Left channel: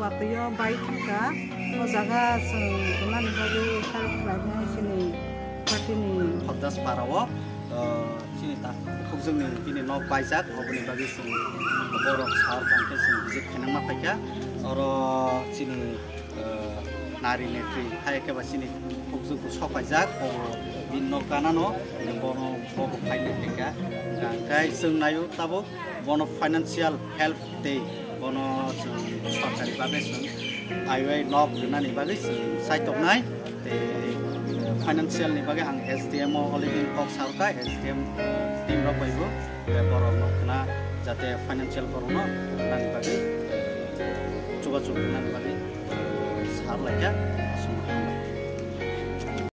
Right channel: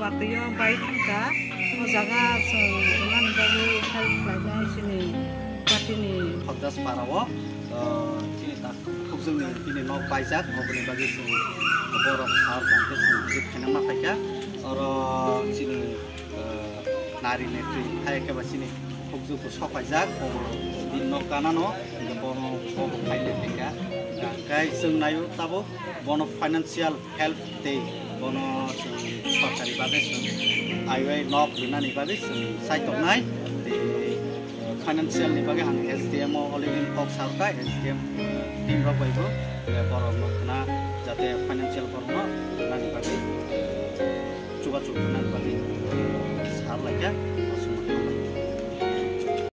watyo bai thangka o jaga jona ni bagi help lainai sini batini Hobdas parawo sini tak khubjungni bini nok baijak oboni bagi sing borok sar tangke sing visit khenama paika oro sini nari netri hai ke basini khubjung ko sopaijak obo bin nok kanano bono bobo phaile teka gangkai sung nayo tabo bono financial help te bono sorkari babe sung aiwai nok lunani bagi sung saitok nai te financial ni bagi ang SDM already kok sarka SDM team rok baibo le borok nok na jate financial borno nani bagi coba nani bagi sar laika asum